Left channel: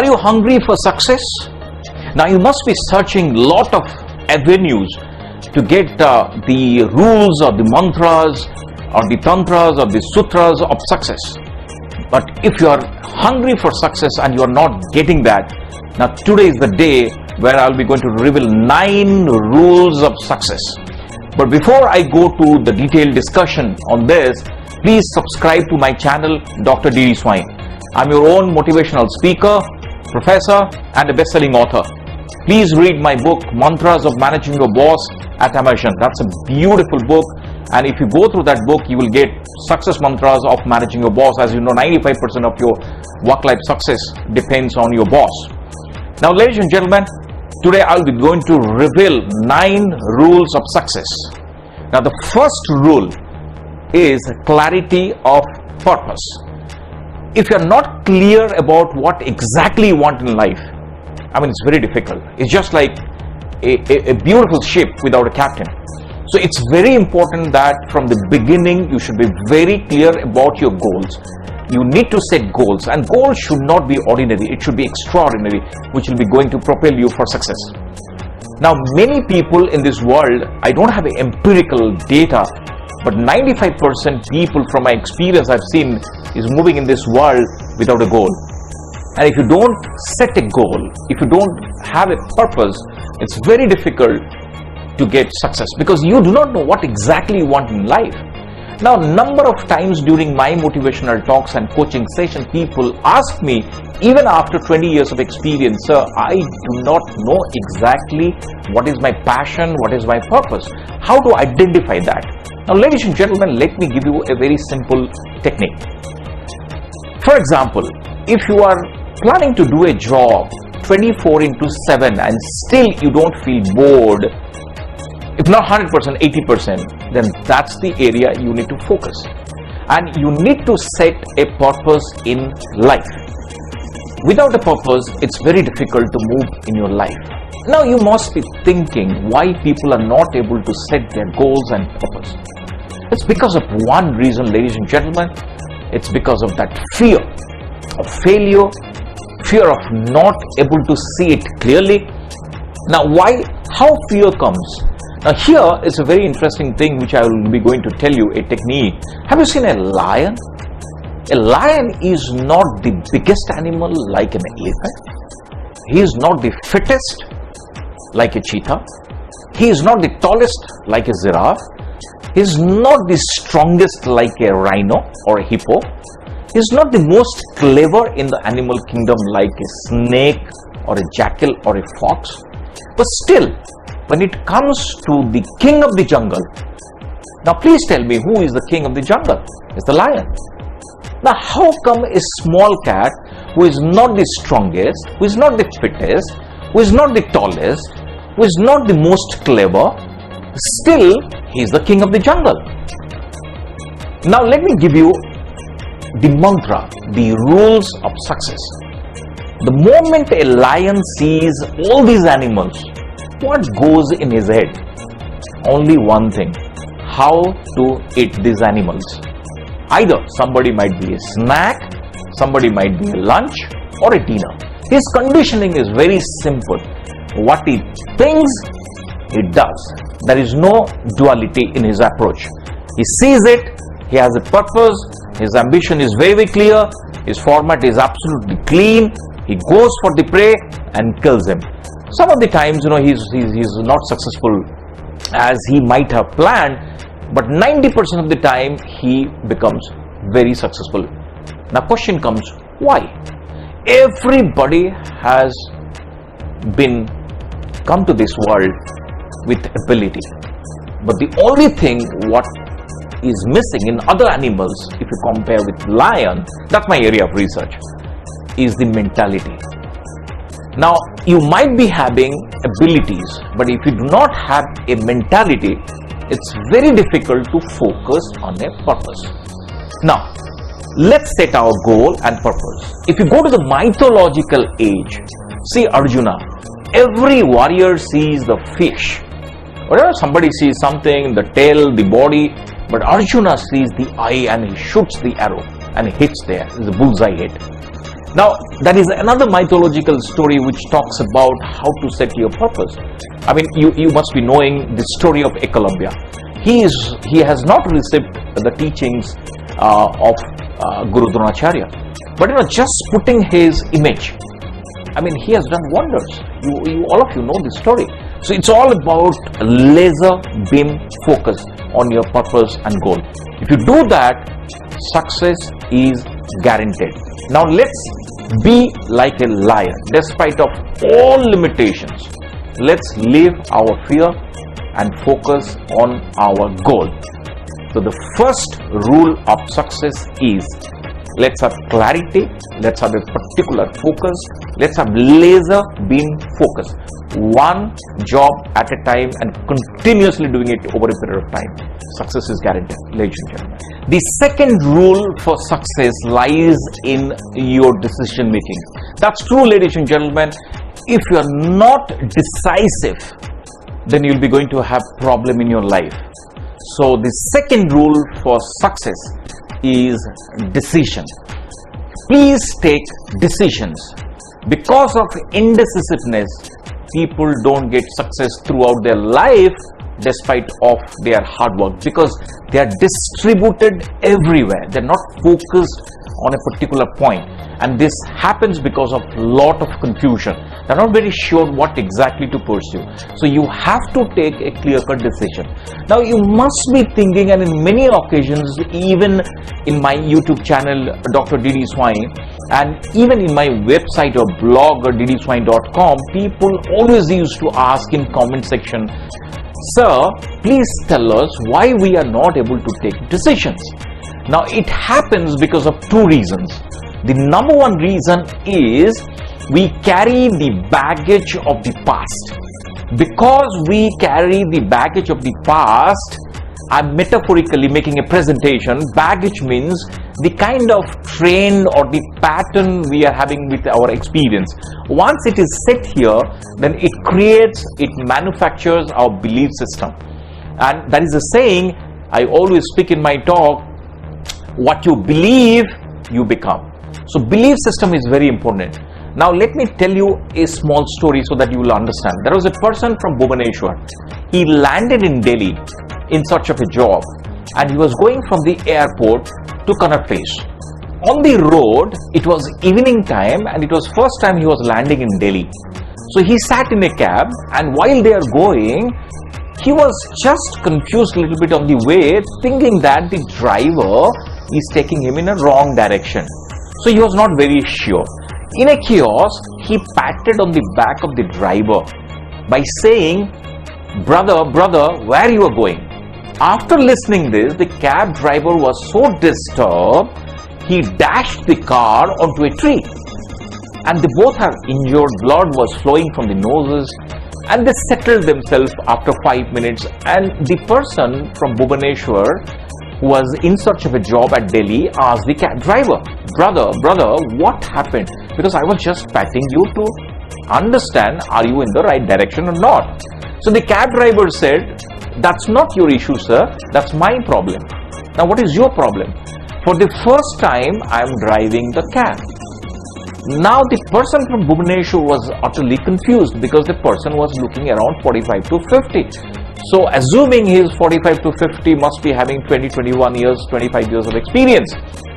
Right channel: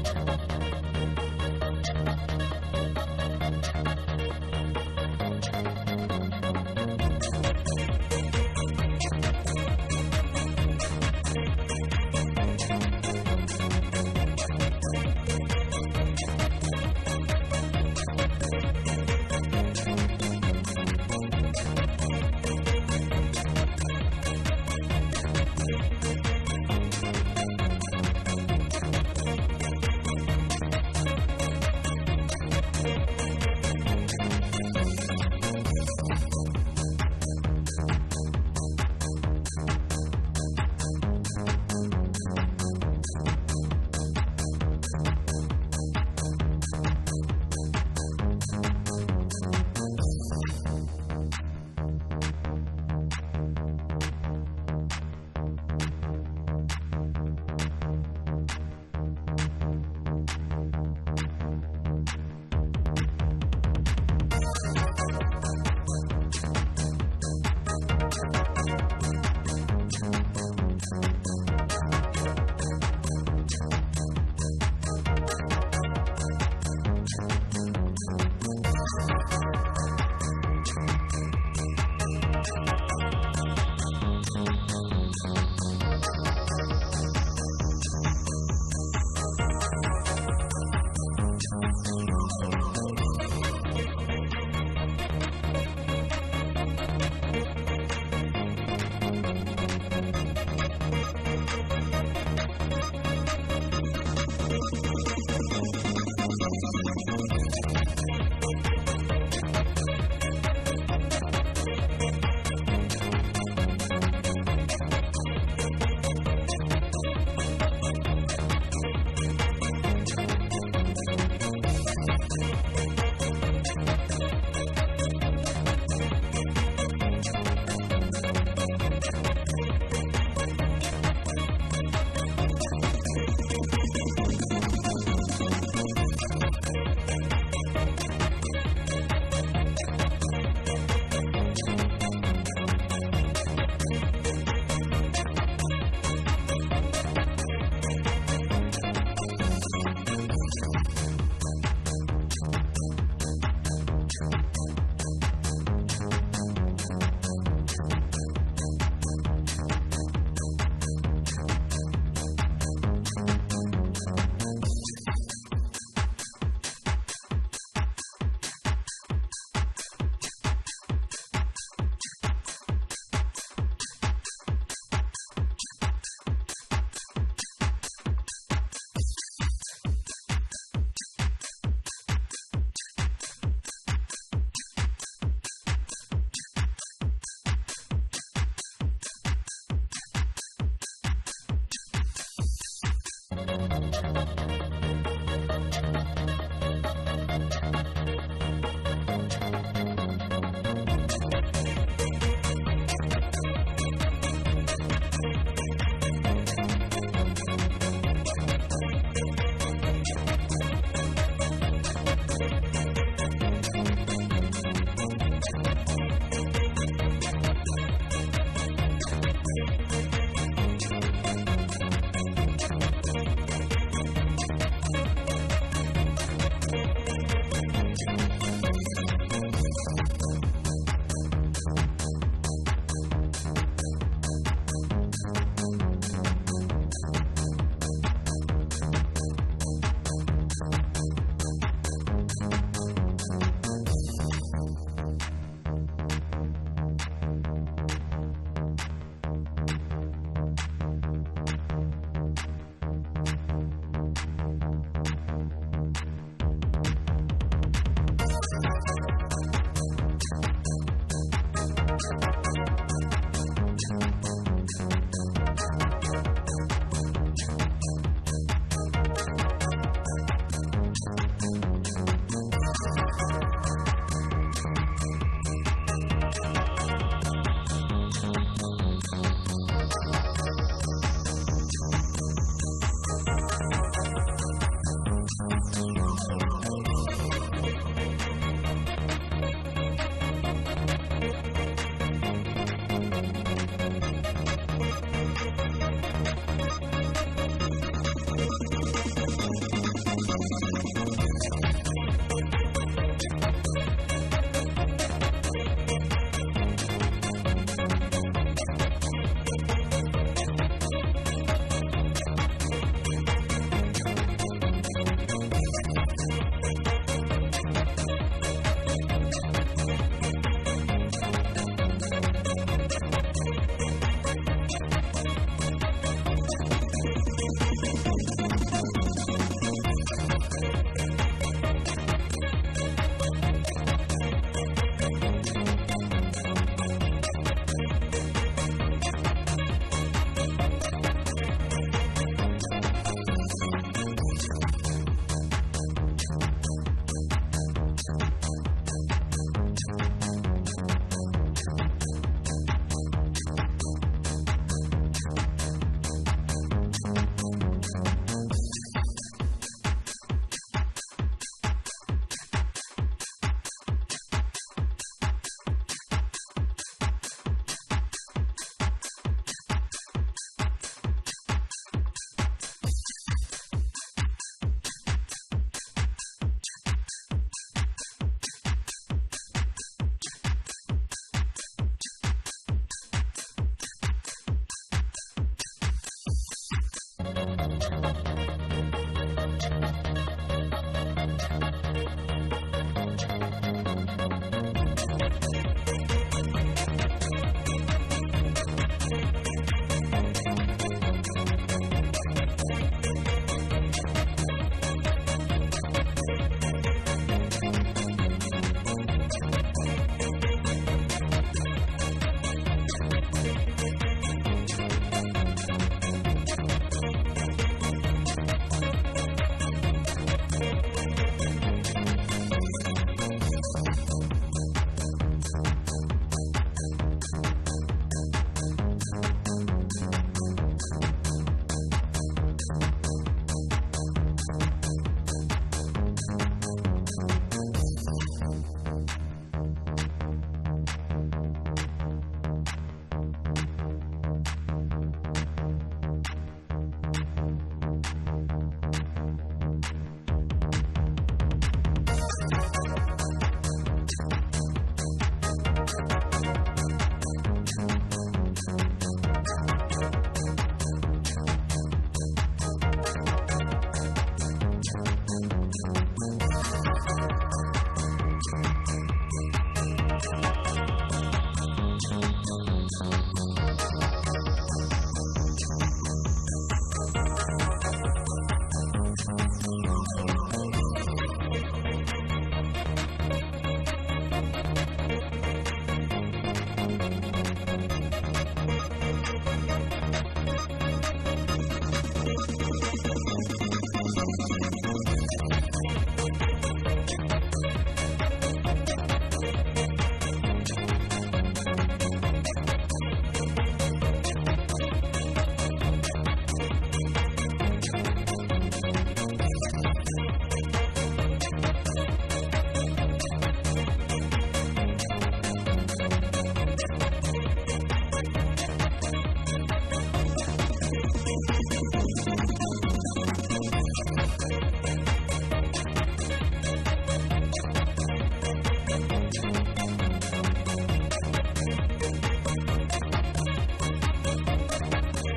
Are you hungry for success? Now you must be searching lot of avenues to get the rules or the mantras or the tantras or the sutras of success. But if you are hungry for success and you are not getting that, now today is the day where I will be going to reveal 9 rules of success. But before I go to the detailed discussion on this, please subscribe to my channel, Dr. D.D. Swine. I'm your own motivational speaker, professor and a best-selling author. Please read my book, Mantras of Managing Your Boss at Amazon. That's a beautiful book. And if you go through that book, you will get success mantras of managing your boss. As you know, 95% of your work-life success depends on your boss. Now, ladies and gentlemen, today I'll be going to reveal 9 rules of success. Now, the first rule is clarity of purpose. If you're not clear about what exactly you want in life, I mean, it's very difficult. It's just like a beautiful ship without a captain. So it's very important that from the beginning, you should be very clear about your goals. You need to set goals, and goals should not be ordinary. It should be extraordinary, which will be going to propel you for success. Now, many people in this world, I don't have empirical data, but 95% people from my experience I've seen is moving in this world without a goal. And if you don't set a goal, if you don't have a purpose, it's very difficult to get success because you do not know what exactly you want in life. Now, number of times during my motivational talks and coaching sessions, people ask me, even after 20 years of experience, sir, I do not know exactly what is my passion, what is my purpose. How to identify that? Now, ladies and gentlemen, let me give you a very simple technique. For example, if you are planning to do a job 24/7 and still you don't feel bored, if not 100%, 80%, then that's the area you need to focus. And you need to set a purpose in life. Without a purpose, it's very difficult to move in your life. Now you must be thinking why people are not able to set their goals and purpose. It's because of one reason, ladies and gentlemen. It's because of that fear of failure, fear of not able to see it clearly. Now how fear comes? Now here is a very interesting thing which I will be going to tell you, a technique. Have you seen a lion? A lion is not the biggest animal like an elephant. He is not the fittest like a cheetah. He is not the tallest like a giraffe. He is not the strongest like a rhino or a hippo. He is not the most clever in the animal kingdom like a snake or a jackal or a fox. But still, when it comes to the king of the jungle, now please tell me, who is the king of the jungle? It's the lion. Now how come a small cat who is not the strongest, who is not the fittest, who is not the tallest, who is not the most clever, still he is the king of the jungle? Now let me give you the mantra, the rules of success. The moment a lion sees all these animals, what goes in his head? Only one thing: how to eat these animals. Either somebody might be a snack, somebody might be a lunch or a dinner. His conditioning is very simple. What he thinks, he does. There is no duality in his approach. He sees it, he has a purpose, his ambition is very, very clear, his format is absolutely clean, he goes for the prey and kills him. Some of the times, he's not successful as he might have planned, but 90% of the time he becomes very successful. Now question comes, why? Everybody has come to this world with ability, but the only thing what is missing in other animals, if you compare with lion, that's my area of research, is the mentality. Now, you might be having abilities, but if you do not have a mentality, it's very difficult to focus on a purpose. Now, let's set our goal and purpose. If you go to the mythological age, see Arjuna, every warrior sees the fish. Whenever somebody sees something, the tail, the body, but Arjuna sees the eye and he shoots the arrow and hits there, the bullseye hit. Now, that is another mythological story which talks about how to set your purpose. I mean, you must be knowing the story of Ekalavya. He has not received the teachings of Guru Dronacharya, but just putting his image, I mean, he has done wonders. All of you know this story. So it's all about laser beam focus on your purpose and goal. If you do that, success is guaranteed. Now let's be like a lion, despite of all limitations. Let's leave our fear and focus on our goal. So the first rule of success is, let's have clarity, let's have a particular focus, let's have laser beam focus. One job at a time and continuously doing it over a period of time. Success is guaranteed, ladies and gentlemen. The second rule for success lies in your decision making. That's true, ladies and gentlemen. If you are not decisive, then you'll be going to have problem in your life. So the second rule for success is decision. Please take decisions. Because of indecisiveness, people don't get success throughout their life despite of their hard work, because they are distributed everywhere. They're not focused on a particular point, and this happens because of lot of confusion. They're not very sure what exactly to pursue. So you have to take a clear-cut decision. Now you must be thinking, and in many occasions, even in my YouTube channel, Dr. D.D. Swine, and even in my website or blog or ddswine.com, people always used to ask in comment section, "Sir, please tell us why we are not able to take decisions." Now it happens because of two reasons. The number one reason is we carry the baggage of the past. Because we carry the baggage of the past, I'm metaphorically making a presentation. Baggage means the kind of trend or the pattern we are having with our experience. Once it is set here, then it manufactures our belief system. And that is a saying I always speak in my talk: what you believe, you become. So belief system is very important. Now let me tell you a small story so that you will understand. There was a person from Bhubaneswar. He landed in Delhi in search of a job, and he was going from the airport to Connaught Place. On the road, it was evening time, and it was first time he was landing in Delhi. So he sat in a cab, and while they are going, he was just confused a little bit on the way, thinking that the driver is taking him in a wrong direction. So he was not very sure. In a chaos, he patted on the back of the driver by saying, brother, where you are going?" After listening this, the cab driver was so disturbed, he dashed the car onto a tree. And they both have injured, blood was flowing from the noses, and they settled themselves after 5 minutes. And the person from Bhubaneswar, who was in search of a job at Delhi, asked the cab driver, brother, what happened? Because I was just patting you to understand, are you in the right direction or not? So the cab driver said, "That's not your issue, sir. That's my problem. Now what is your problem?" "For the first time, I am driving the cab." Now the person from Bhubaneswar was utterly confused, because the person was looking around 45 to 50. So assuming he is 45 to 50, must be having 20, 21 years, 25 years of experience.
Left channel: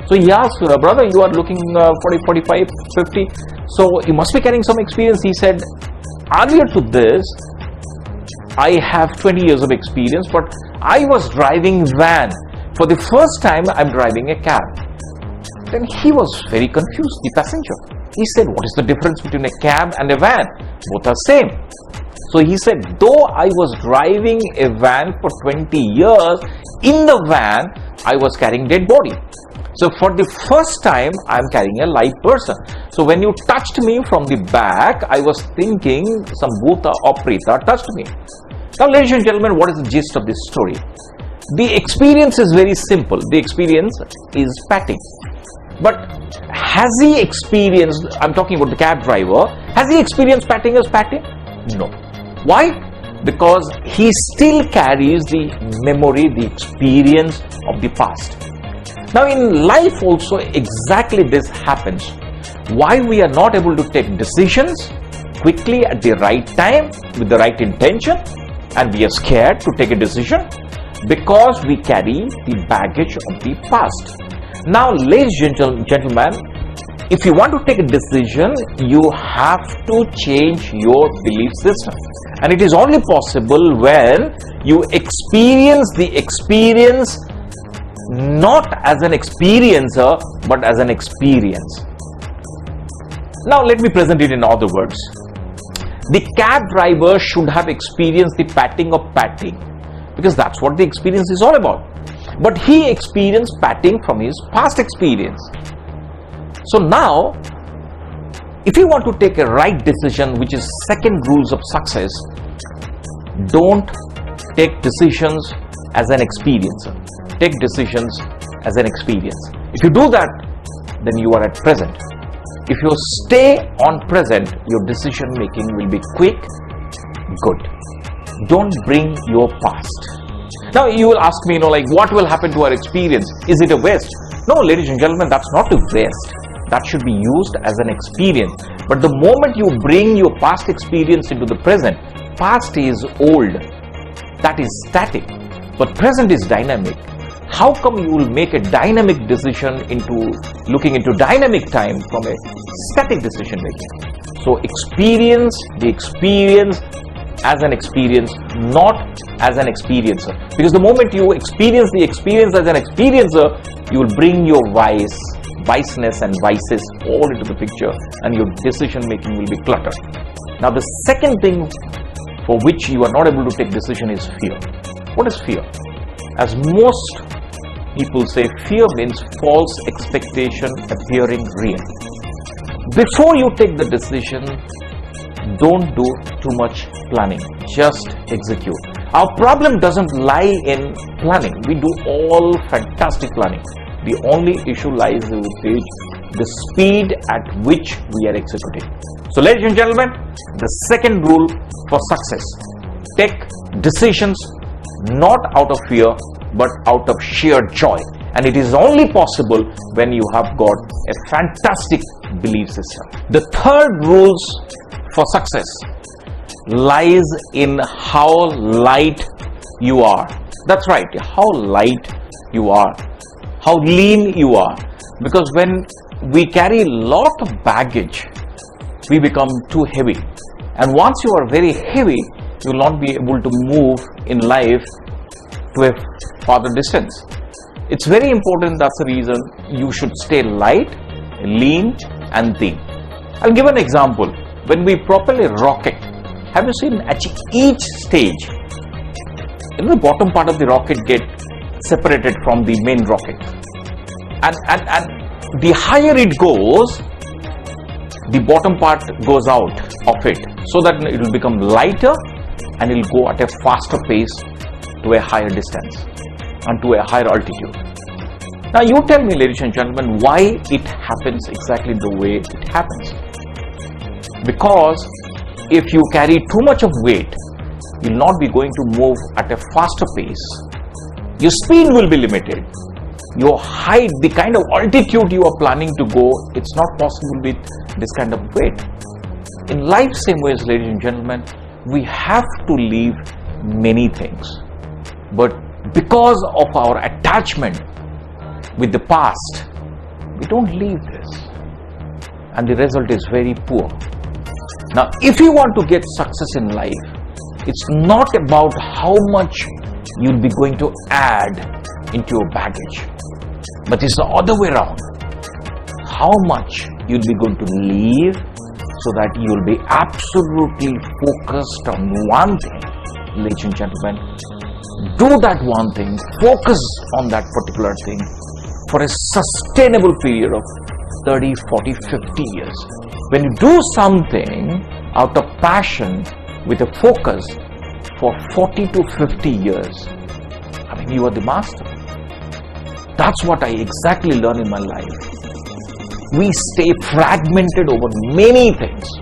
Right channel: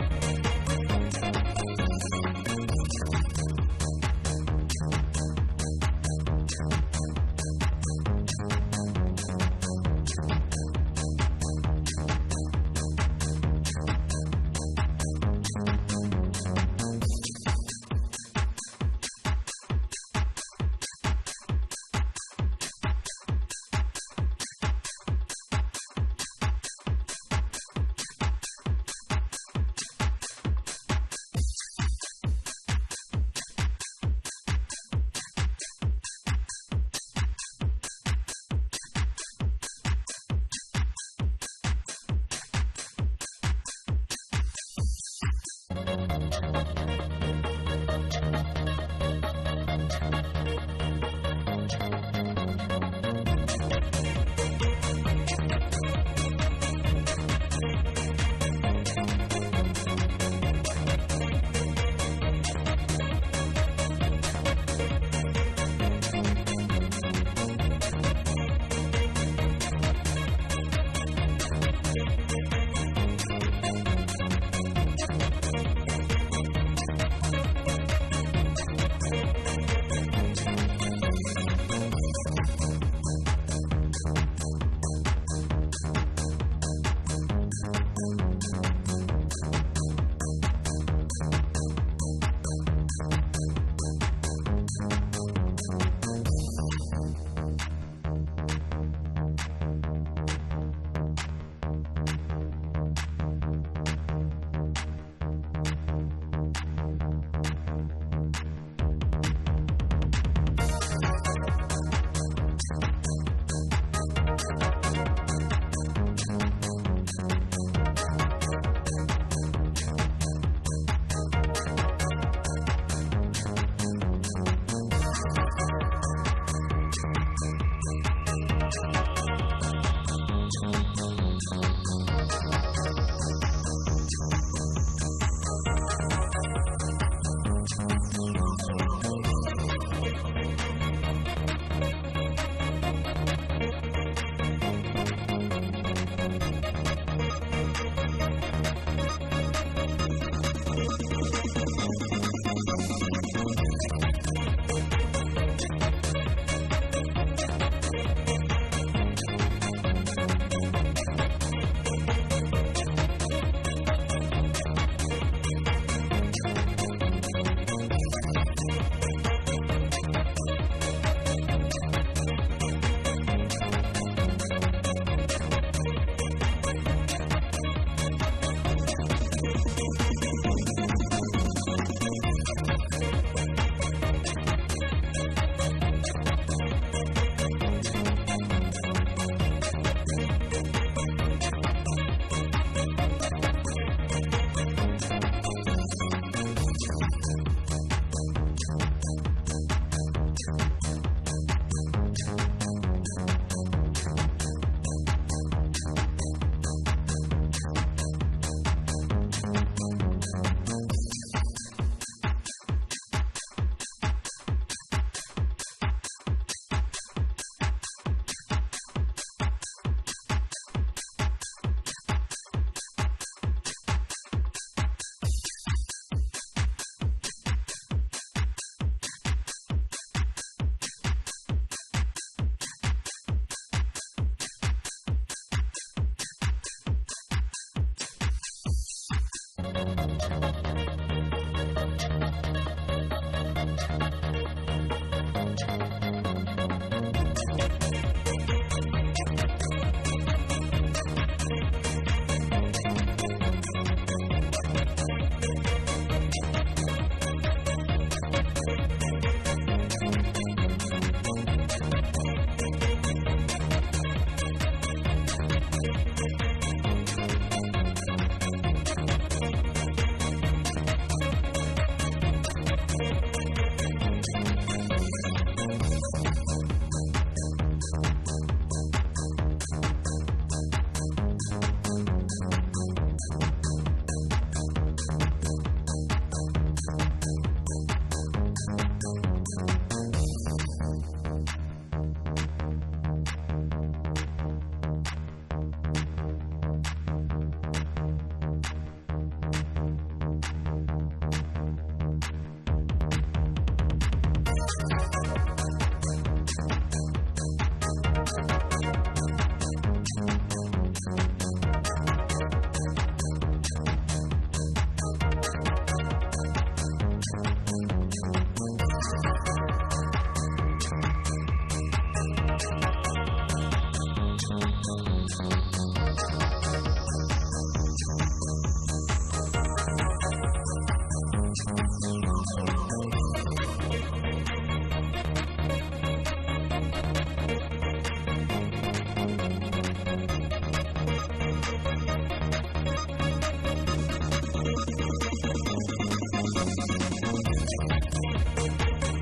So he asked, "Brother, you are looking 40, 45, 50. So you must be carrying some experience." He said, "Earlier to this, I have 20 years of experience, but I was driving van. For the first time, I'm driving a cab." Then he was very confused, the passenger. He said, "What is the difference between a cab and a van? Both are same." So he said, "Though I was driving a van for 20 years, in the van, I was carrying dead body. So for the first time, I'm carrying a live person. So when you touched me from the back, I was thinking some bhuta or preta touched me." Now, ladies and gentlemen, what is the gist of this story? The experience is very simple. The experience is patting. But has he experienced, I'm talking about the cab driver, has he experienced patting as patting? No. Why? Because he still carries the memory, the experience of the past. Now in life also exactly this happens. Why we are not able to take decisions quickly at the right time with the right intention, and we are scared to take a decision because we carry the baggage of the past. Now, ladies and gentlemen, if you want to take a decision, you have to change your belief system. And it is only possible when you experience the experience not as an experiencer, but as an experience. Now, let me present it in other words. The cab driver should have experienced the patting of patting, because that's what the experience is all about. But he experienced patting from his past experience. So now, if you want to take a right decision, which is second rules of success, don't take decisions as an experience. Take decisions as an experience. If you do that, then you are at present. If you stay on present, your decision making will be quick, good. Don't bring your past. Now you will ask me, what will happen to our experience? Is it a waste? No, ladies and gentlemen, that's not a waste. That should be used as an experience. But the moment you bring your past experience into the present, past is old. That is static. But present is dynamic. How come you will make a dynamic decision looking into dynamic time from a static decision making? So experience the experience as an experience, not as an experiencer. Because the moment you experience the experience as an experiencer, you will bring your viceness and vices all into the picture, and your decision making will be cluttered. Now the second thing for which you are not able to take decision is fear. What is fear? As most people say, fear means false expectation appearing real. Before you take the decision, don't do too much planning. Just execute. Our problem doesn't lie in planning. We do all fantastic planning. The only issue lies with the speed at which we are executing. So, ladies and gentlemen, the second rule for success: take decisions not out of fear, but out of sheer joy. And it is only possible when you have got a fantastic belief system. The third rules for success lies in how light you are. That's right, how light you are, how lean you are. Because when we carry a lot of baggage, we become too heavy. And once you are very heavy, you will not be able to move in life to a farther distance. It's very important. That's the reason you should stay light, lean and thin. I'll give an example. When we propel a rocket, have you seen at each stage, the bottom part of the rocket gets separated from the main rocket, and the higher it goes, the bottom part goes out of it, so that it will become lighter and it will go at a faster pace to a higher distance and to a higher altitude. Now you tell me, ladies and gentlemen, why it happens exactly the way it happens. Because if you carry too much of weight, you will not be going to move at a faster pace. Your speed will be limited. Your height, the kind of altitude you are planning to go, it's not possible with this kind of weight. In life, same ways, ladies and gentlemen, we have to leave many things. But because of our attachment with the past, we don't leave this. And the result is very poor. Now, if you want to get success in life, it's not about how much you'll be going to add into your baggage, but it's the other way around. How much you'll be going to leave so that you'll be absolutely focused on one thing. Ladies and gentlemen, do that one thing, focus on that particular thing for a sustainable period of 30, 40, 50 years. When you do something out of passion with a focus for 40 to 50 years, you are the master. That's what I exactly learned in my life. We stay fragmented over many things.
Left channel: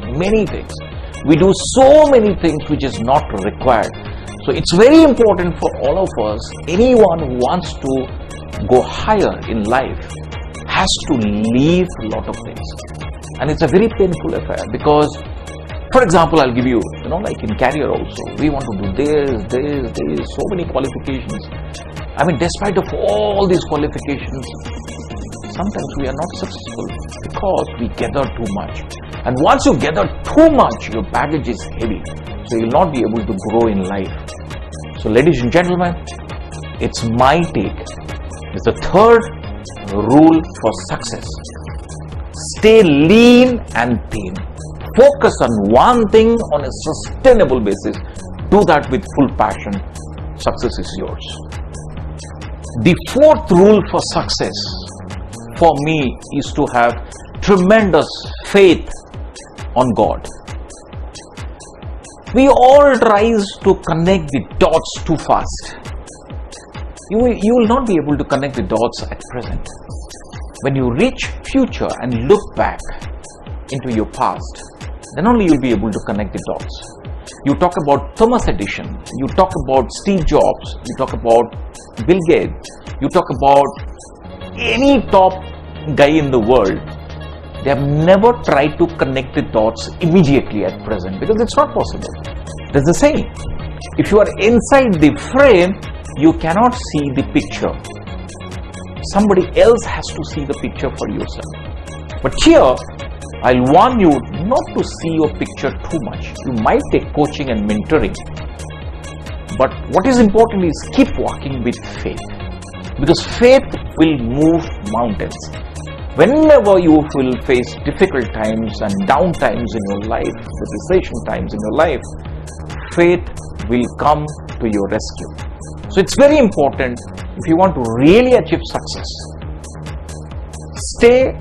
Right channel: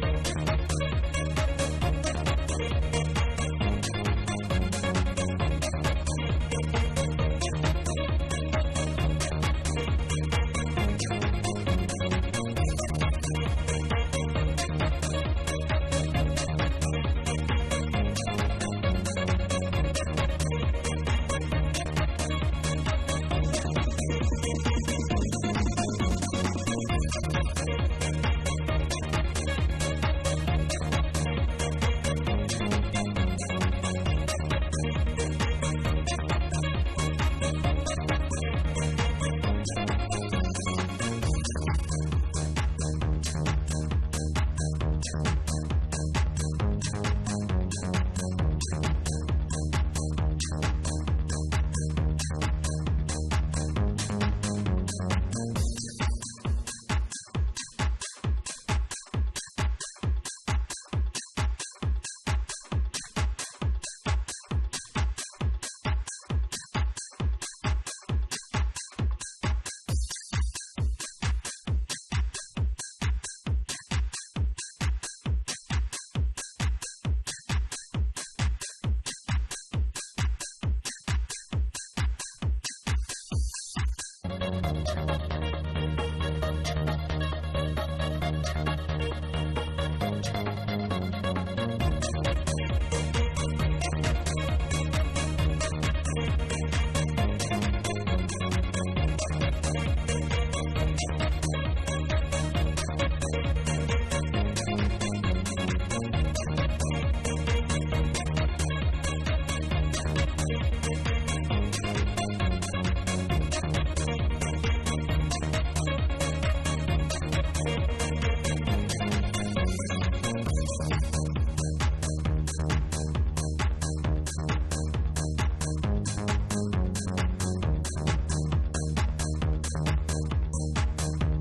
We do so many things which is not required. So it's very important for all of us, anyone who wants to go higher in life, has to leave a lot of things. And it's a very painful affair because, for example, I'll give you, like in career also, we want to do this, so many qualifications. I mean, despite of all these qualifications, sometimes we are not successful because we gather too much. And once you gather too much, your baggage is heavy. So you will not be able to grow in life. So ladies and gentlemen, it's my take. It's the third rule for success. Stay lean and thin. Focus on one thing on a sustainable basis. Do that with full passion. Success is yours. The fourth rule for success for me is to have tremendous faith on God. We all try to connect the dots too fast. You will not be able to connect the dots at present. When you reach future and look back into your past, then only you'll be able to connect the dots. You talk about Thomas Edison, you talk about Steve Jobs, you talk about Bill Gates, you talk about any top guy in the world. They have never tried to connect the dots immediately at present because it's not possible. There's the saying, if you are inside the frame, you cannot see the picture. Somebody else has to see the picture for yourself. But here, I'll warn you not to see your picture too much. You might take coaching and mentoring. But what is important is keep walking with faith. Because faith will move mountains. Whenever you will face difficult times and down times in your life, recession times in your life, faith will come to your rescue. So it's very important, if you want to really achieve success, stay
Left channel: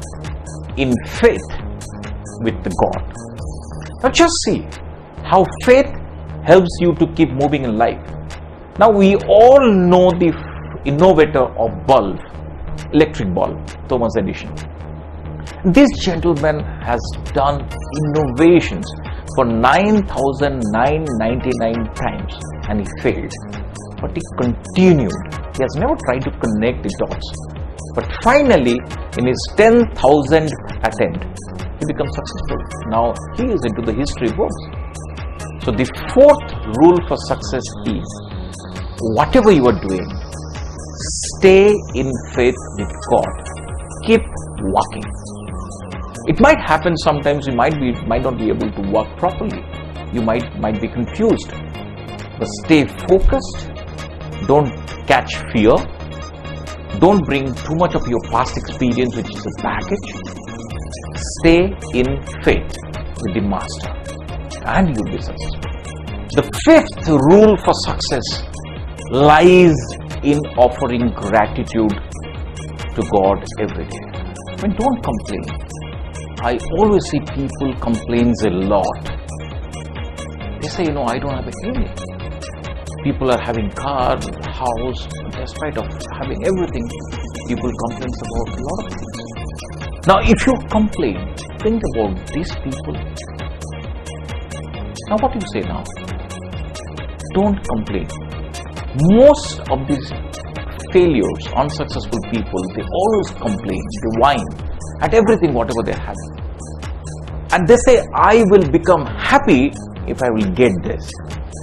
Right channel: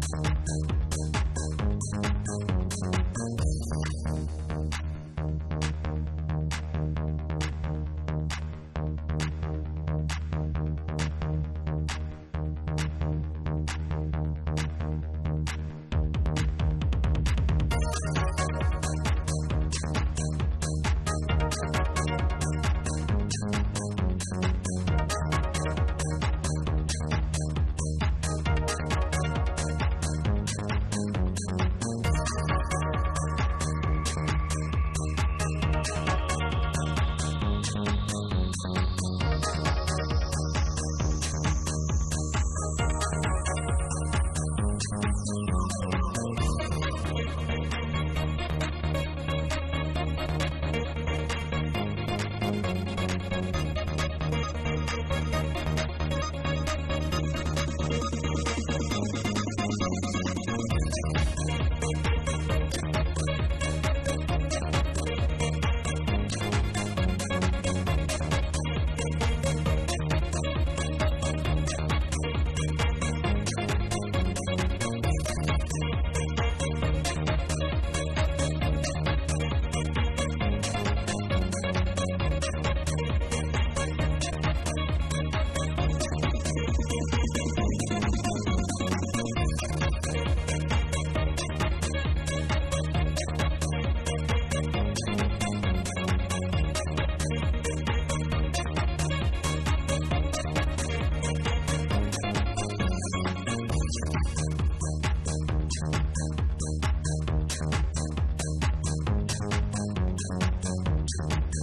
in faith with the God. Now just see how faith helps you to keep moving in life. Now we all know the innovator of bulb, electric bulb, Thomas Edison. This gentleman has done innovations for 9,999 times and he failed. But he continued. He has never tried to connect the dots. But finally, in his 10,000th attempt, he becomes successful. Now he is into the history books. So the fourth rule for success is, whatever you are doing, stay in faith with God. Keep walking. It might happen sometimes you might not be able to walk properly. You might be confused. But stay focused. Don't catch fear. Don't bring too much of your past experience, which is the baggage. Stay in faith with the master and your business. The fifth rule for success lies in offering gratitude to God every day. I mean, don't complain. I always see people complains a lot. They say, I don't have anything. People are having cars, house, despite of having everything, people complain about a lot of things. Now, if you complain, think about these people. Now, what do you say now? Don't complain. Most of these failures, unsuccessful people, they always complain, they whine at everything, whatever they're having. And they say, I will become happy if I will get this.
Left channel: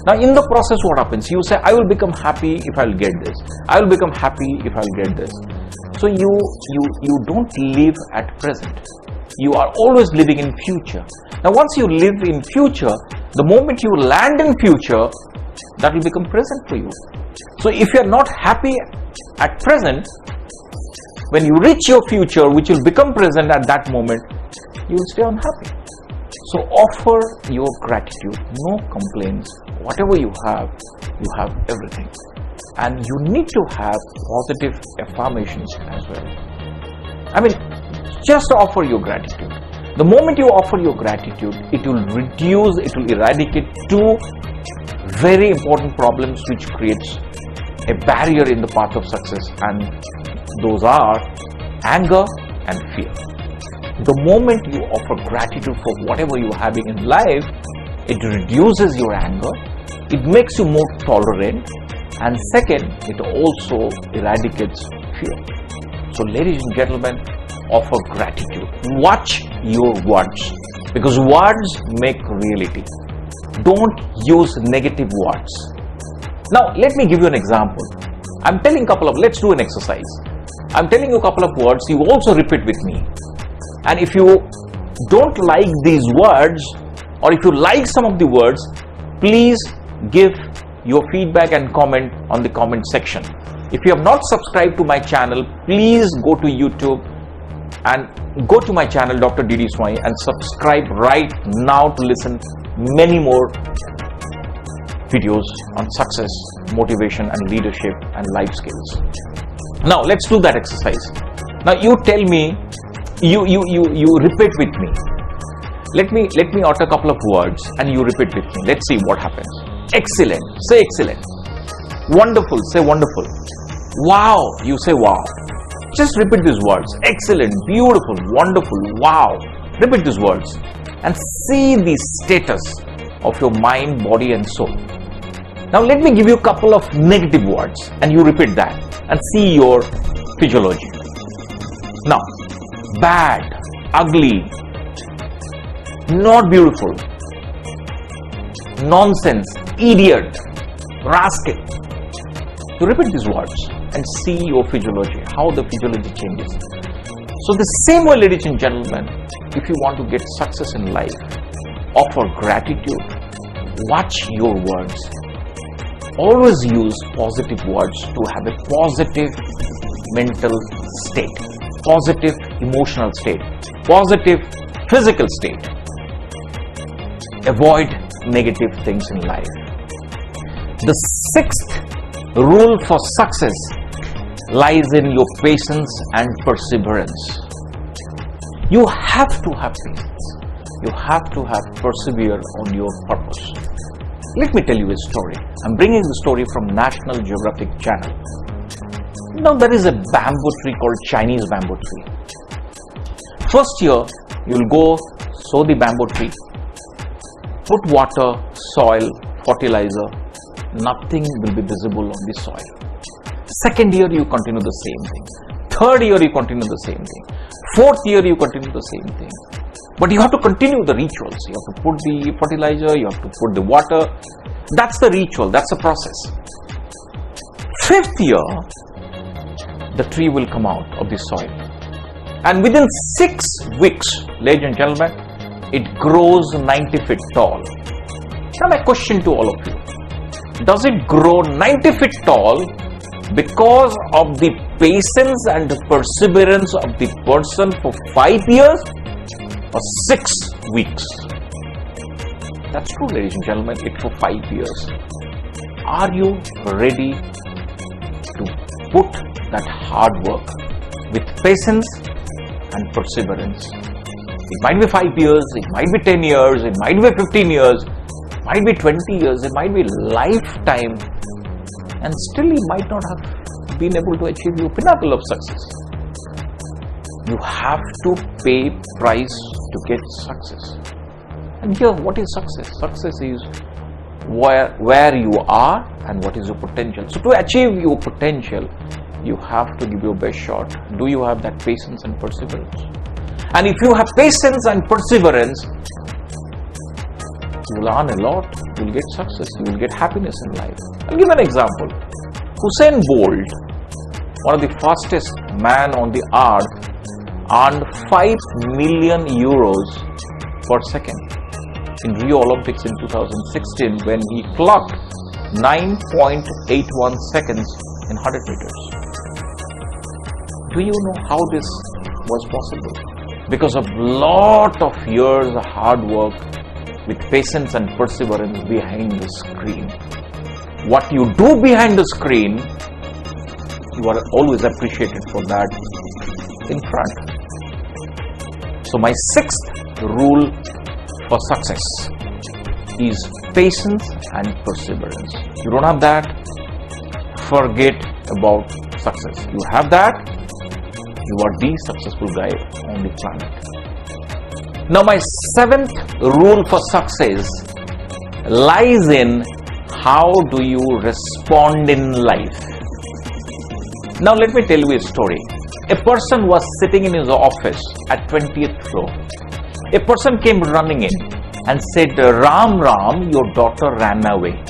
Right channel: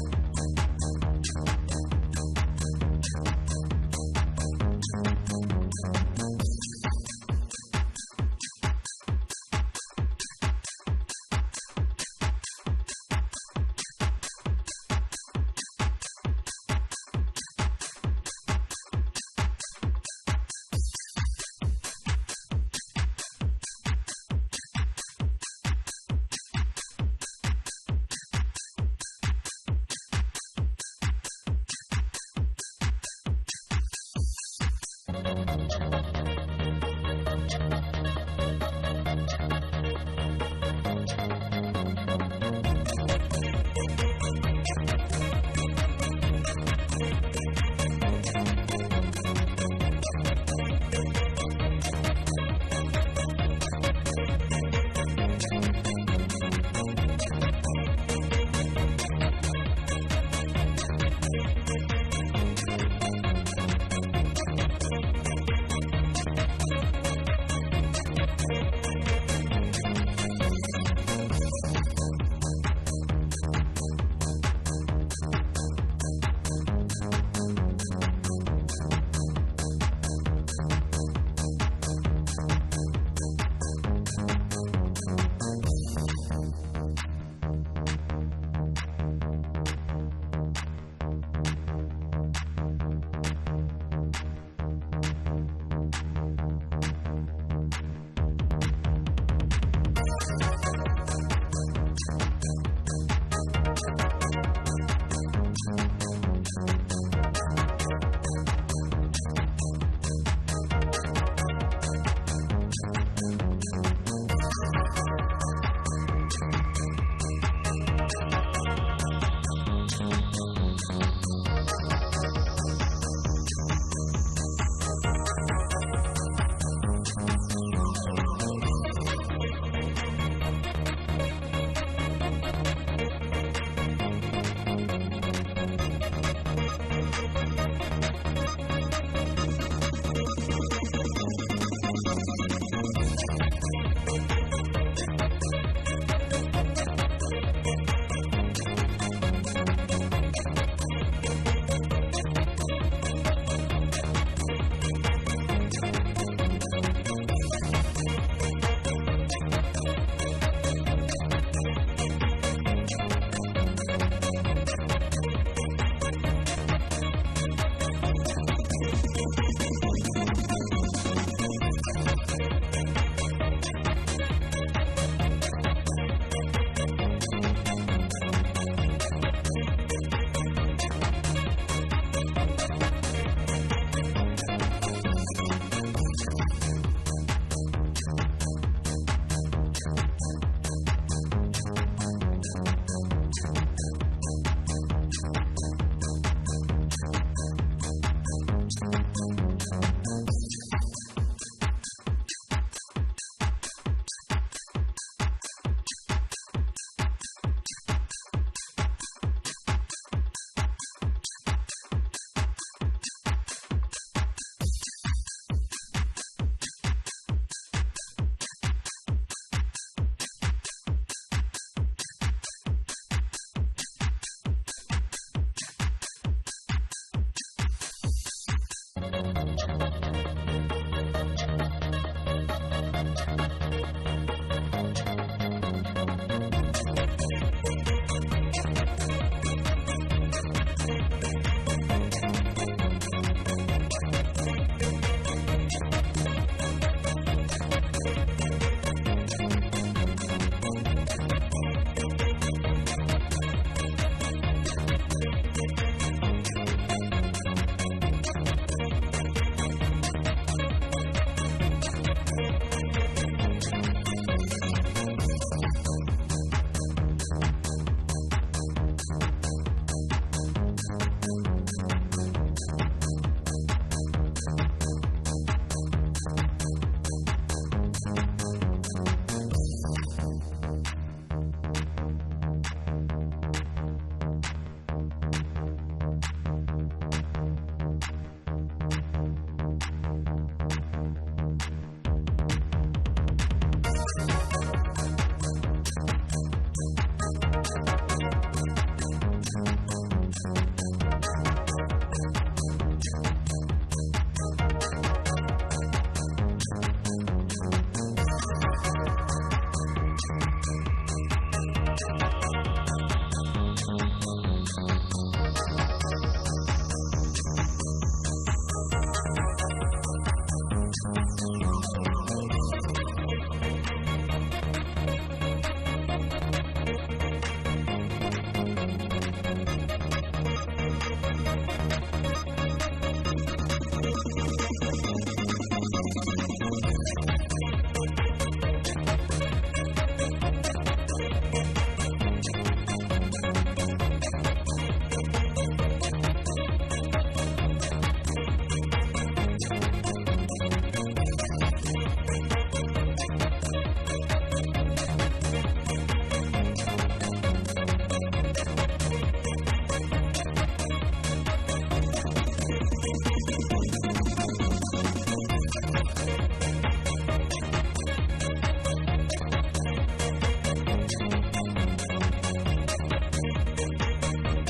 Now, in the process, what happens? You say, I will become happy if I will get this. I will become happy if I will get this. So you don't live at present. You are always living in future. Now, once you live in future, the moment you land in future, that will become present for you. So if you are not happy at present, when you reach your future, which will become present at that moment, you will stay unhappy. So offer your gratitude, no complaints. Whatever you have everything. And you need to have positive affirmations as well. I mean, just offer your gratitude. The moment you offer your gratitude, it will eradicate two very important problems which creates a barrier in the path of success, and those are anger and fear. The moment you offer gratitude for whatever you're having in life, it reduces your anger, it makes you more tolerant, and second, it also eradicates fear. So ladies and gentlemen, offer gratitude. Watch your words, because words make reality. Don't use negative words. Now, let me give you an example. I'm telling let's do an exercise. I'm telling you a couple of words, you also repeat with me. And if you don't like these words, or if you like some of the words, please give your feedback and comment on the comment section. If you have not subscribed to my channel, please go to YouTube and go to my channel Dr. D.D. Swami and subscribe right now to listen many more videos on success, motivation and leadership and life skills. Now let's do that exercise. Now you tell me, you repeat with me. Let me utter a couple of words and you repeat with me. Let's see what happens. Excellent, say excellent. Wonderful, say wonderful. Wow, you say wow. Just repeat these words. Excellent, beautiful, wonderful, wow. Repeat these words and see the status of your mind, body and soul. Now let me give you a couple of negative words and you repeat that and see your physiology. Now, bad, ugly, not beautiful, nonsense, idiot, rascal. You repeat these words and see your physiology, how the physiology changes. So the same way, ladies and gentlemen, if you want to get success in life, offer gratitude, watch your words. Always use positive words to have a positive mental state, positive emotional state, positive physical state. Avoid negative things in life. The sixth rule for success lies in your patience and perseverance. You have to have patience. You have to have persevere on your purpose. Let me tell you a story. I'm bringing the story from National Geographic Channel. Now there is a bamboo tree called Chinese bamboo tree. First year, you'll go sow the bamboo tree, put water, soil, fertilizer, nothing will be visible on the soil. Second year, you continue the same thing. Third year, you continue the same thing. Fourth year, you continue the same thing. But you have to continue the rituals. You have to put the fertilizer, you have to put the water. That's the ritual, that's the process. Fifth year, the tree will come out of the soil. And within 6 weeks, ladies and gentlemen, it grows 90 feet tall. Now my question to all of you, does it grow 90 feet tall because of the patience and the perseverance of the person for 5 years or 6 weeks? That's true, ladies and gentlemen, it's for 5 years. Are you ready to put that hard work with patience and perseverance? It might be 5 years, it might be 10 years, it might be 15 years, it might be 20 years, it might be lifetime, and still you might not have been able to achieve your pinnacle of success. You have to pay price to get success. And here, what is success? Success is where you are and what is your potential. So to achieve your potential, you have to give your best shot. Do you have that patience and perseverance? And if you have patience and perseverance, you will earn a lot, you will get success, you will get happiness in life. I'll give an example. Usain Bolt, one of the fastest man on the earth, earned 5 million euros per second in Rio Olympics in 2016 when he clocked 9.81 seconds in 100 meters. Do you know how this was possible? Because of lot of years of hard work with patience and perseverance behind the screen. What you do behind the screen, you are always appreciated for that in front. So my 6th rule for success is patience and perseverance. You don't have that, forget about success. You have that, you are the successful guy on the planet. Now my 7th rule for success lies in how do you respond in life. Now let me tell you a story. a person was sitting in his office at 20th floor. A person came running in and said, Ram Ram, your daughter ran away.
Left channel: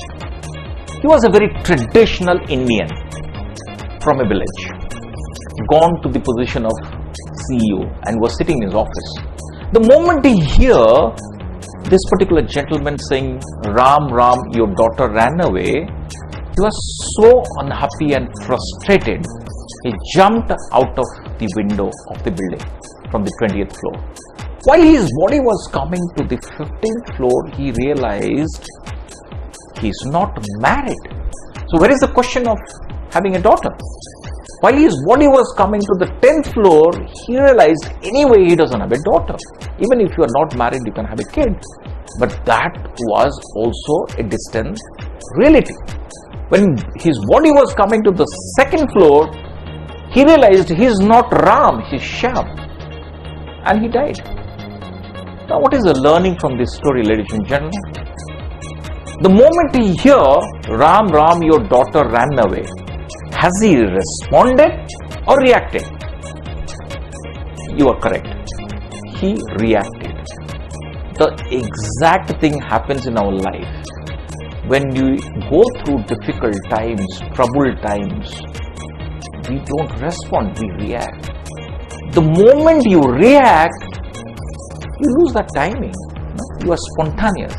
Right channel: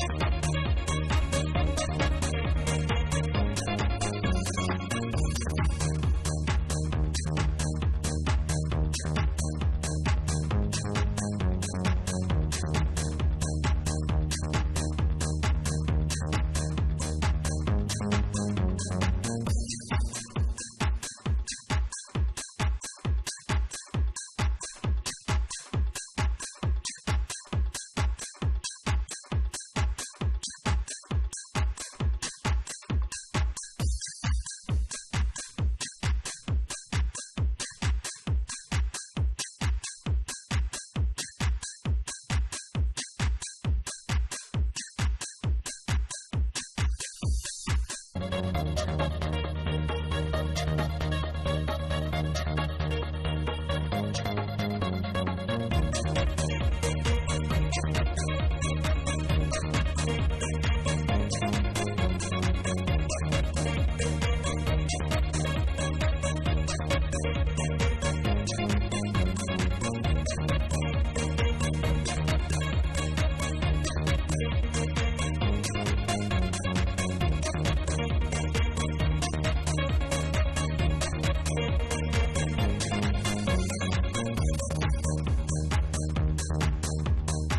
He was a very traditional Indian from a village, gone to the position of CEO and was sitting in his office. The moment he heard this particular gentleman saying, Ram Ram, your daughter ran away, he was so unhappy and frustrated. He jumped out of the window of the building from the 20th floor. While his body was coming to the 15th floor, he realized he's not married. So where is the question of having a daughter? While his body was coming to the 10th floor, he realized anyway he doesn't have a daughter. Even if you are not married, you can have a kid. But that was also a distant reality. When his body was coming to the 2nd floor, he realized he's not Ram, he's Shyam. And he died. Now what is the learning from this story, ladies and gentlemen? The moment he hear, Ram Ram, your daughter ran away, has he responded or reacted? You are correct. He reacted. The exact thing happens in our life. When you go through difficult times, troubled times, we don't respond, we react. The moment you react, you lose that timing. You are spontaneous.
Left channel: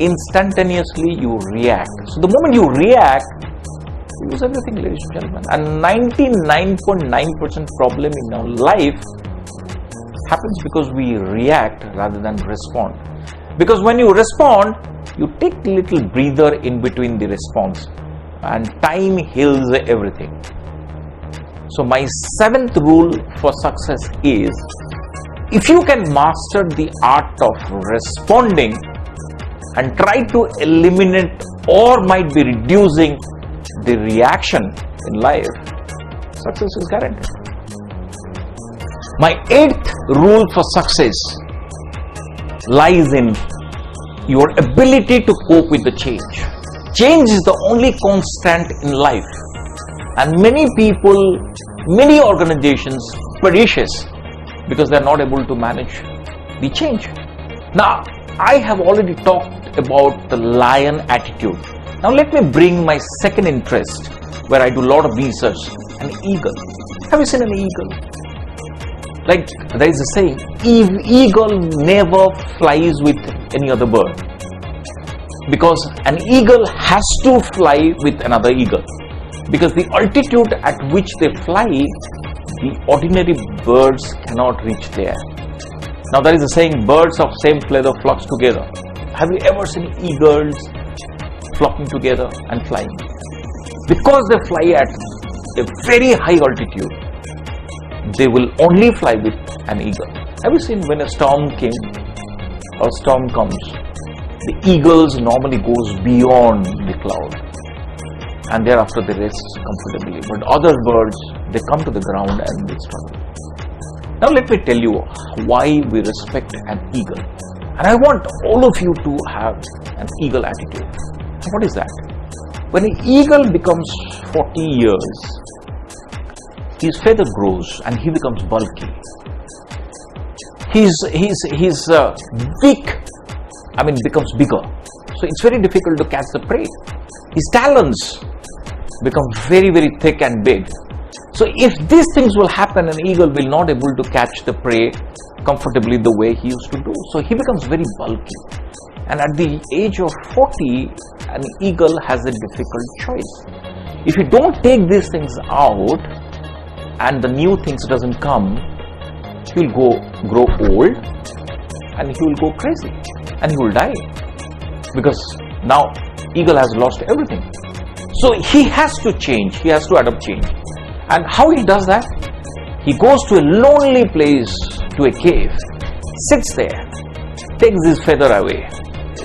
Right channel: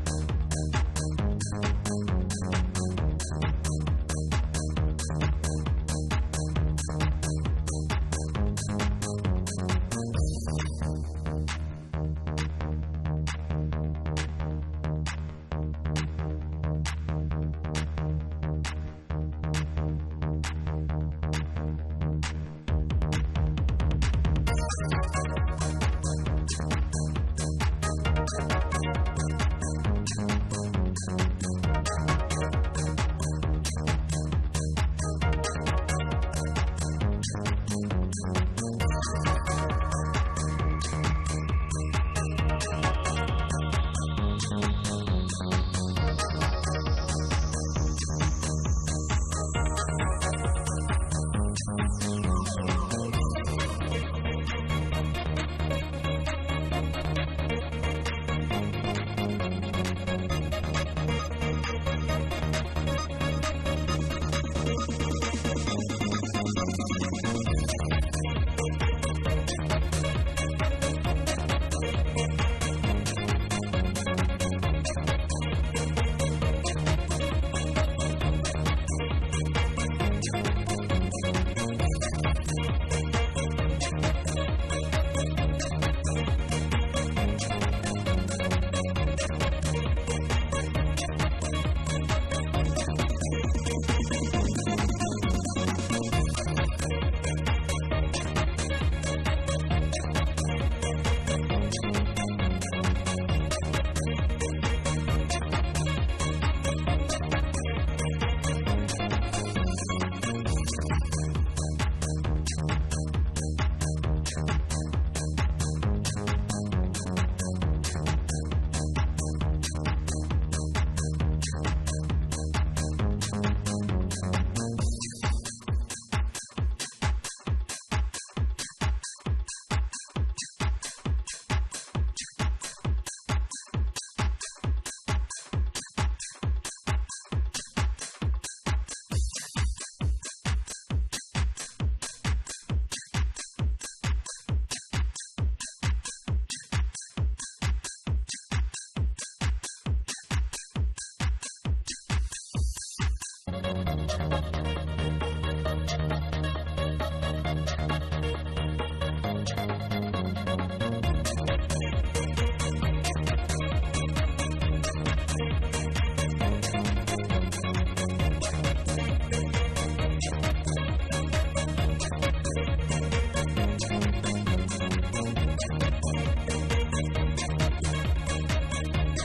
Instantaneously you react. So the moment you react, you lose everything, ladies and gentlemen. And 99.9% problem in our life happens because we react rather than respond. Because when you respond, you take a little breather in between the response, and time heals everything. So my 7th rule for success is, if you can master the art of responding and try to eliminate or might be reducing the reaction in life, success is guaranteed. My 8th rule for success lies in your ability to cope with the change. Change is the only constant in life, and many people, many organizations perishes because they are not able to manage the change. Now, I have already talked about the lion attitude. Now let me bring my second interest, where I do a lot of research, an eagle. Have you seen an eagle? Like there is a saying, eagle never flies with any other bird, because an eagle has to fly with another eagle, because the altitude at which they fly, the ordinary birds cannot reach there. Now there is a saying, birds of same feather flocks together. Have you ever seen eagles flocking together and flying? Because they fly at a very high altitude, they will only fly with an eagle. Have you seen when a storm came or storm comes, the eagles normally goes beyond the cloud and thereafter they rest comfortably. But other birds, they come to the ground and they struggle. Now let me tell you why we respect an eagle. And I want all of you to have an eagle attitude. What is that? When an eagle becomes 40 years, his feather grows and he becomes bulky. His beak, becomes bigger. So it's very difficult to catch the prey. His talons become very, very thick and big. So if these things will happen, an eagle will not able to catch the prey comfortably the way he used to do. So he becomes very bulky. And at the age of 40, an eagle has a difficult choice. If you don't take these things out and the new things doesn't come, he will grow old and he will go crazy and he will die, because now eagle has lost everything. So he has to change, he has to adapt change. And how he does that? He goes to a lonely place, to a cave, sits there, takes his feather away.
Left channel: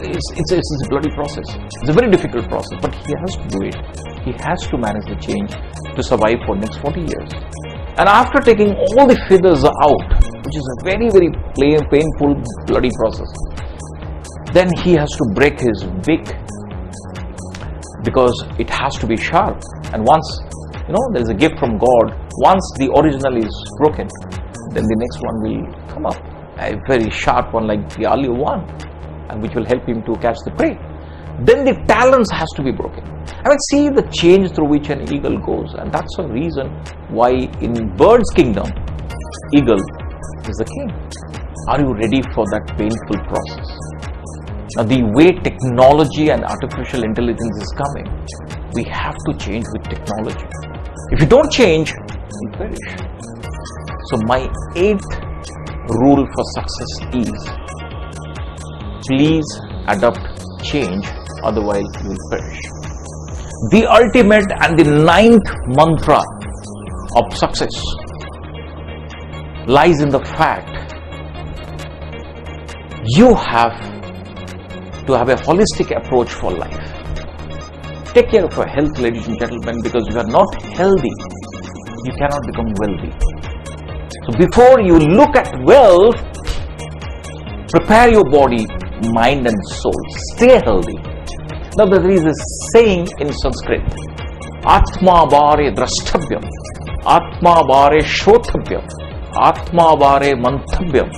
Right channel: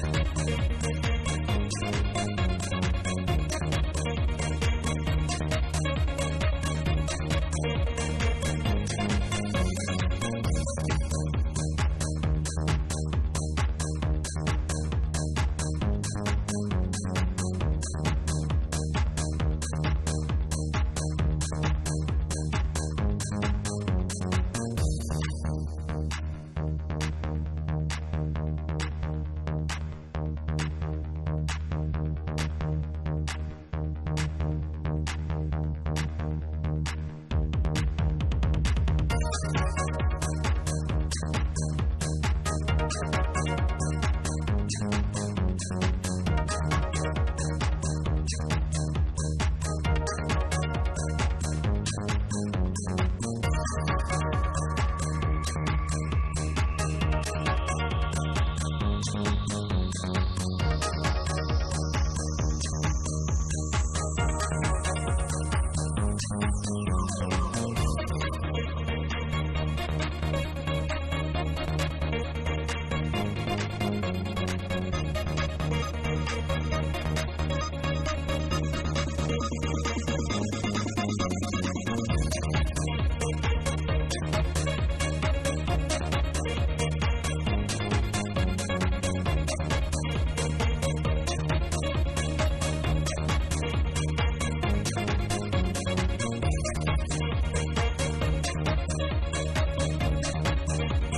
It's a bloody process. It's a very difficult process, but he has to do it. He has to manage the change to survive for the next 40 years. And after taking all the feathers out, which is a very, very painful, bloody process, then he has to break his beak, because it has to be sharp. And once, there is a gift from God Once the original is broken, then the next one will come up. A very sharp one like the earlier one, and which will help him to catch the prey. Then the talons has to be broken. I mean, see the change through which an eagle goes, and that's the reason why in bird's kingdom, eagle is the king. Are you ready for that painful process? Now, the way technology and artificial intelligence is coming, we have to change with technology. If you don't change, you perish. So my 8th rule for success is, please adopt change, otherwise you will perish. The ultimate and the 9th mantra of success lies in the fact you have to have a holistic approach for life. Take care of your health, ladies and gentlemen, because if you are not healthy, you cannot become wealthy. So before you look at wealth, prepare your body, mind and soul. Stay healthy. Now there is a saying in Sanskrit, Atma Vare Drashtabhyam, Atma Vare Shrotabhyam, Atma Vare Manthabhyam.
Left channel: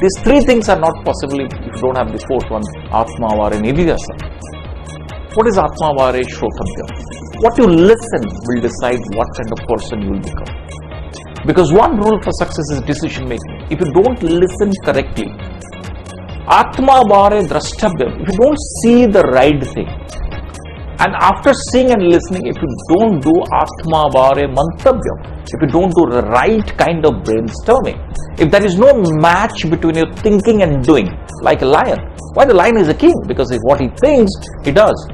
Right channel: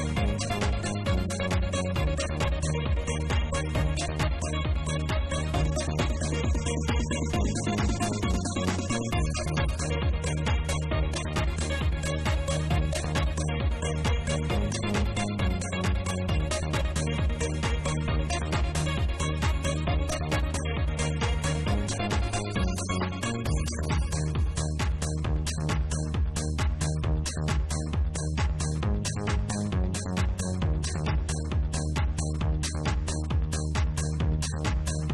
These 3 things are not possible if you don't have the 4th one, Atma Vare Nidhyasam. What is Atma Vare Shrotabhyam? What you listen will decide what kind of person you will become. Because one rule for success is decision making. If you don't listen correctly, Atma Vare Drashtabhyam, if you don't see the right thing, and after seeing and listening, if you don't do Atma Vare Manthabhyam, if you don't do the right kind of brainstorming, if there is no match between your thinking and doing, like a lion. Why the lion is a king? Because if what he thinks, he does.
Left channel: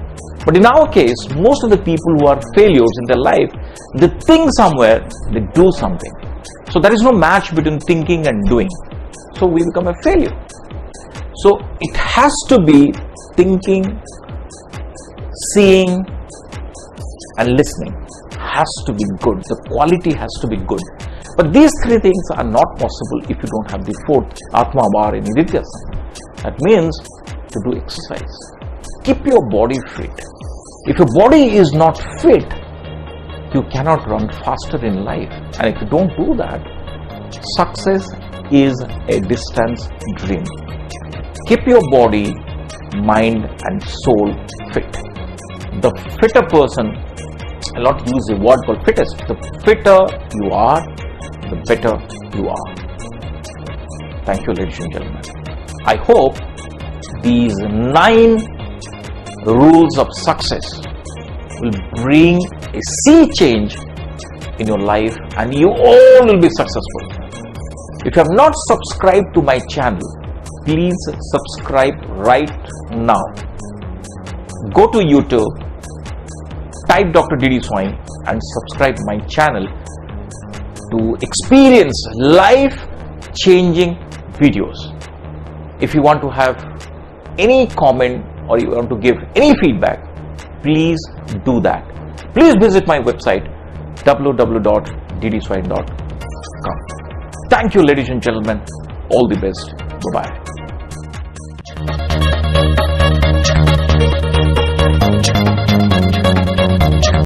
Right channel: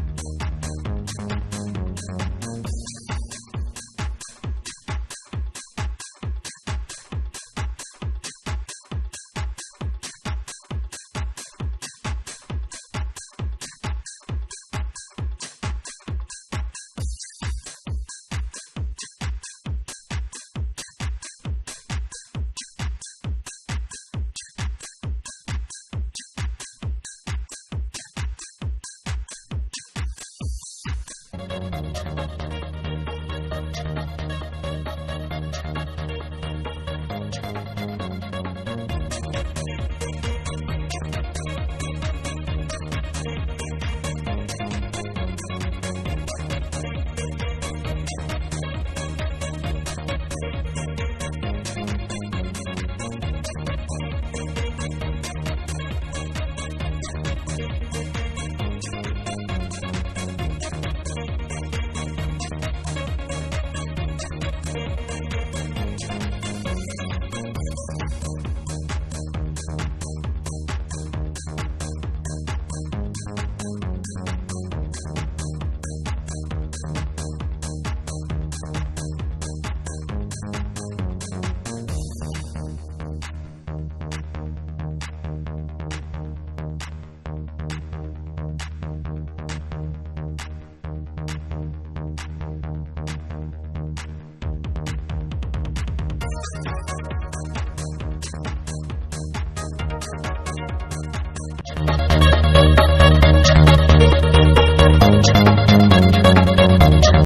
But in our case, most of the people who are failures in their life, they think somewhere, they do something. So there is no match between thinking and doing. So we become a failure. So it has to be thinking, seeing and listening has to be good. The quality has to be good. But these 3 things are not possible if you don't have the 4th, Atma Vare Nidhyasam. That means to do exercise. Keep your body fit. If your body is not fit, you cannot run faster in life. And if you don't do that, success is a distant dream. Keep your body, mind and soul fit. The fitter person, I'll not use the word called fittest, the fitter you are, the better you are. Thank you, ladies and gentlemen. I hope these 9 rules of success will bring a sea change in your life and you all will be successful. If you have not subscribed to my channel, please subscribe right now. Go to YouTube, type Dr. D.D. Swain and subscribe to my channel to experience life-changing videos. If you want to have any comment or you want to give any feedback, please do that. Please visit my website www.ddswain.com. Thank you, ladies and gentlemen. All the best. Bye-bye.